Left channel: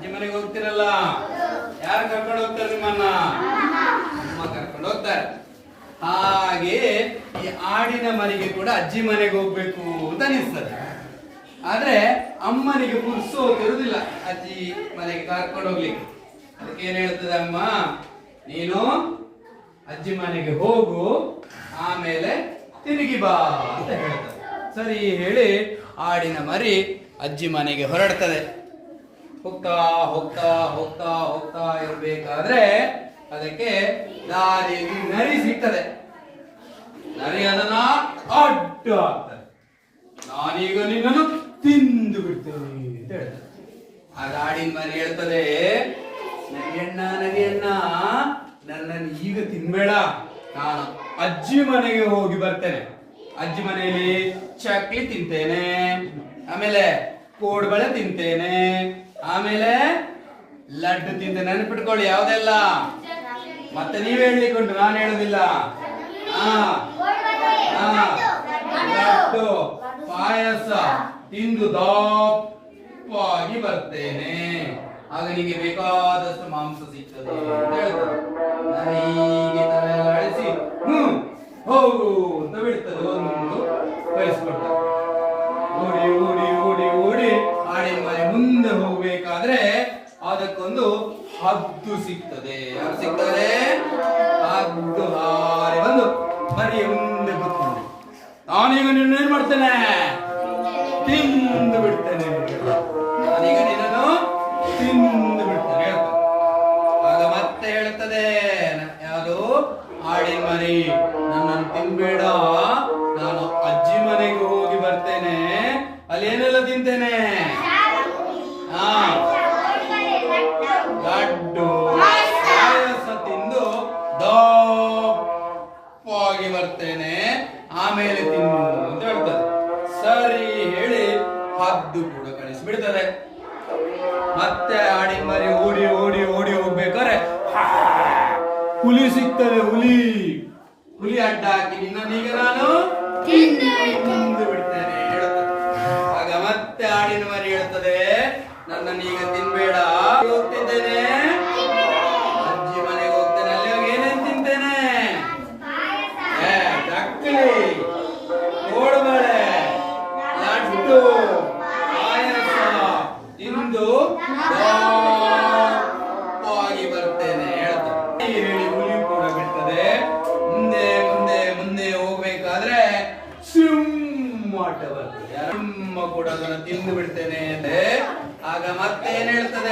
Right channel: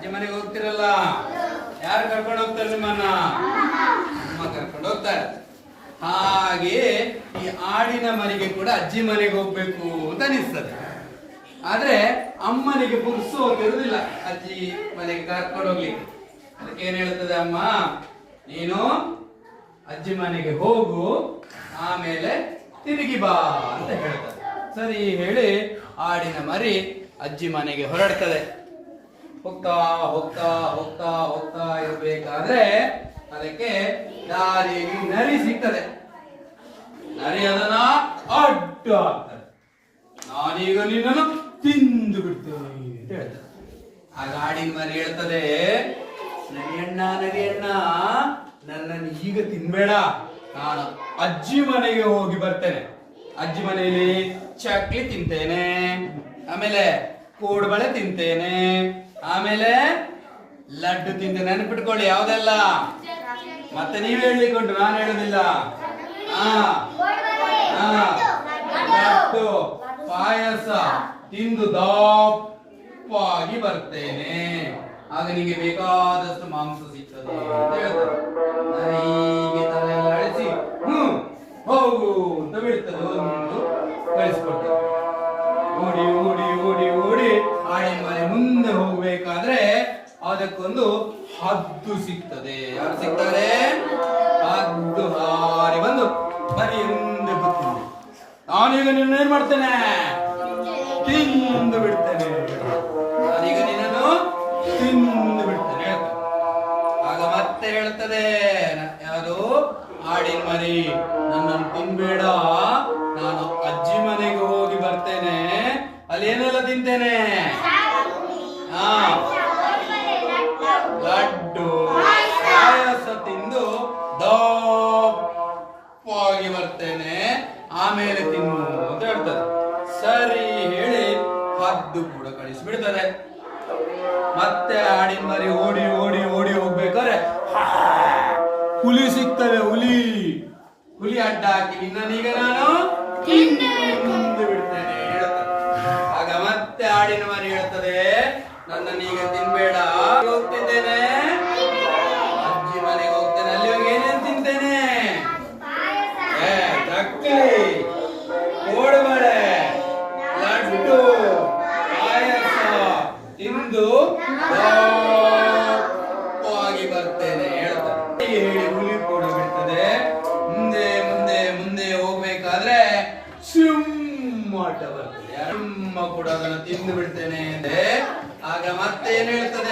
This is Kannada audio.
ಅಜ್ಜಿ ಮನೆಗೆ ಹೋಗ್ತಿರಲ್ಲ, ಯಾರು ಕರ್ಕೊಂಡು ಹೋಗ್ತಾರೆ ನಿಮ್ಮನ್ನ? ಅಮ್ಮ ಕರ್ಕೊಂಡು ಹೋಗ್ತಾರೆ. ಹಾಗೆ ಈ ಆಡಿನ ಮನೆಗೆ ಕೂಡ ಅಜ್ಜಿ ಮನೆಗೆ ಹೋಗ್ಬೇಕು ಅಂತ ಅನಿಸ್ತದೆ. ಆದ್ರೆ ಅಮ್ಮನಿಗೆ ಇರುವುದಿಲ್ಲ ಅಜ್ಜಿ ಮನೆಗೆ ಕರ್ಕೊಂಡು ಹೋಗ್ಲಿಕ್ಕೆ. ಅದಕ್ಕೆ ಏನ್ ಹೇಳ್ತದೆ ಅಮ್ಮ, ನೀನು ಅಜ್ಜಿ ಮನೆಗೆ ಹೋಗು, ಆಮೇಲೆ ತಿರುಗಿ ಬಾ ಅಂತ ಹೇಳ್ತದೆ. ಸರಿ ಹೇಳಿ ಆಡಿನ ಮರಿ ಅಜ್ಜಿ ಮನೆಗೆ ಹೊರಡ್ತದೆ. ಹೋಗ್ತಾ ಹೋಗ್ತಾ ಹೋಗ್ತಾ ಹೋಗ್ತಾ ಇರ್ಬೇಕಾದ್ರೆ ಅದಕ್ಕೆ ದಾರಿಯಲ್ಲಿ ನರಿ ಸಿಗ್ತದೆ. ನರಿ ಅದನ್ನ ಅಡ್ಡ ಆಗ್ತದೆ. ನಾನೀಗ ನಿನ್ನನ್ನು ತಿಂದು ಬಿಡ್ತೇನೆ ಅಂತ ಹೇಳ್ತದೆ. ಆಗ ಆಡಿನ ಮರಿ ಹೇಳ್ತದೆ, ನರಿಯಣ್ಣ ನನ್ನನ್ನು ಈಗ ತಿನ್ಬೇಡ, ನಾನು ಅಜ್ಜಿ ಮನೆಗೆ ಹೋಗಿ ಬರ್ತೇನೆ. ಅಜ್ಜಿ ಮನೆಯಲ್ಲಿ ಚಕ್ಲಿ ತಿಂತೇನೆ, ಆಮೇಲೆ ಕೋಡ್ಬಳೆ ತಿಂತೇನೆ, ಆಮೇಲೆ ಲಡ್ಡು ತಿಂತೇನೆ. ನೆನಪಿಟ್ಕೊಳ್ಳಿ ಯಾವ್ದೆಲ್ಲ, ಮತ್ತೆ ನೀವೇ ಹೇಳಿಕೊಂಡು ನಾನು ಹೇಳುದಿಲ್ಲ. ಲಡ್ಡು ಪಾಯಸ ತಿಂದು ದಪ್ಪಾಗಿ ಬರ್ತೇನೆ, ಆಗ ನಿಮಗೆ ಬೇಕಾದಷ್ಟು ಮಾಂಸ ಸಿಗ್ತದೆ ಅಂತ ಹೇಳ್ತಾರೆ. ಹೀಗೆ ತಲೆಲ್ಲ ಅಳಿಸಿ ಹೋಗು ಅಂತ ಬಿಡ್ತದೆ. ಒಂದು ಕಳಿಸ್ಕೊಡ್ತಾರೆ. ಓಡಿ ಓಡಿ ಓಡಿ ಓಡಿ ಆಡಿನ ಮನೆ ಮುಂದೆ ಹೋಗ್ಬೇಕಾದ್ರೆ ಅದಕ್ಕೊಂದು ಹದ್ದು ಸಿಗ್ತದೆ. ಯಾರು ಸಿಗ್ತಾರೆ? ಹದ್ದು ಹಾರಿ ಬಂದು ಮನೆಯ ಮುಂದೆ ಕೂತ್ಕೊಂಡು, ನಾನೀಗ ನಿನ್ನ ಏನ್ ಮಾಡ್ತೇನೆ, ತಿಂದು ಬಿಡ್ತೇನೆ, ನಾನೀಗ ನಿನ್ನನ್ನು ತಿಂದು ಬಿಡ್ತೇನೆ ಹೇಳ್ತಾರೆ. ಆಗ ಮತ್ತೆ ಹೇಳ್ತದೆ ಯಾವುದು, ಆಡಿನ ಮರಿ, ನನ್ನನ್ನು ತಿನ್ಬೇಡ, ನಾನು ಅಜ್ಜಿ ಮನೆಗೆ ಹೋಗಿ ಬರ್ತೇನೆ, ಅಲ್ಲಿ ಏನೆಲ್ಲ ತಿಂತೇನೆ, ಲಡ್ಡು ಪಾಯಸ ತಿಂದು ದಪ್ಪಾಗಿ ಬರ್ತೇನೆ, ಆಮೇಲೆ ತಿನ್ನು ಅಂತ ಹೇಳ್ತದೆ. ಸರಿ ಹೇಳಿ ಹದ್ದು ಕೂಡ ಕಳಿಸಿಬಿಡ್ತದೆ. ಮತ್ತೆ ಆಡಿನ ಮರಿ ಓಡಿ ಓಡಿ ಓಡಿ ಹೋಗ್ಬೇಕಾದ್ರೆ ಹುಲಿ ಸಿಗ್ತದೆ. ಹುಲಿ ಅಡ್ಡ ಹಾಕಿ ನಿನ್ನೀಗ ನಾನು ತಿಂದು ಬಿಡ್ತೇನೆ ಹೇಳ್ತದೆ. ಆಗ ಮತ್ತೆ ಆಡಿನ ಮರಿ ಹೇಳ್ತದೆ, ನನ್ನನ್ನೀಗ ತಿನ್ಬೇಡ, ಹೋಗ್ತಿದ್ದೇನೆ ಅಜ್ಜಿ ಮನೆಗೆ ಹೋಗ್ತೇನೆ, ಅಲ್ಲಿ ಹೋಗಿ ಏನೇನು ತಿಂತೇನೆ, ಚಕ್ಲಿ, ಕೋಡುಬಳೆ, ಲಡ್ಡು, ಪಾಯಸ ತಿಂದು ದಪ್ಪಾಗಿ ಬರ್ತೇನೆ ಹೇಳ್ತಾರೆ. ಹೇಳಿ ಹುಲಿ ಕೂಡ ಬಿಡ್ತದೆ. ಮುಂದೆ ಮುಂದೆ ಮುಂದೆ ಹೋಗ್ಬೇಕಾದ್ರೆ ಸಿಂಹ ಬರ್ತದೆ. ಸಿಂಹ ಕೂಡ ಅದನ್ನು ತಿಂದು ಬಿಡ್ತೇನೆ. ಆಗ ಮತ್ತೆ ಏನ್ ಹೇಳ್ತದೆ,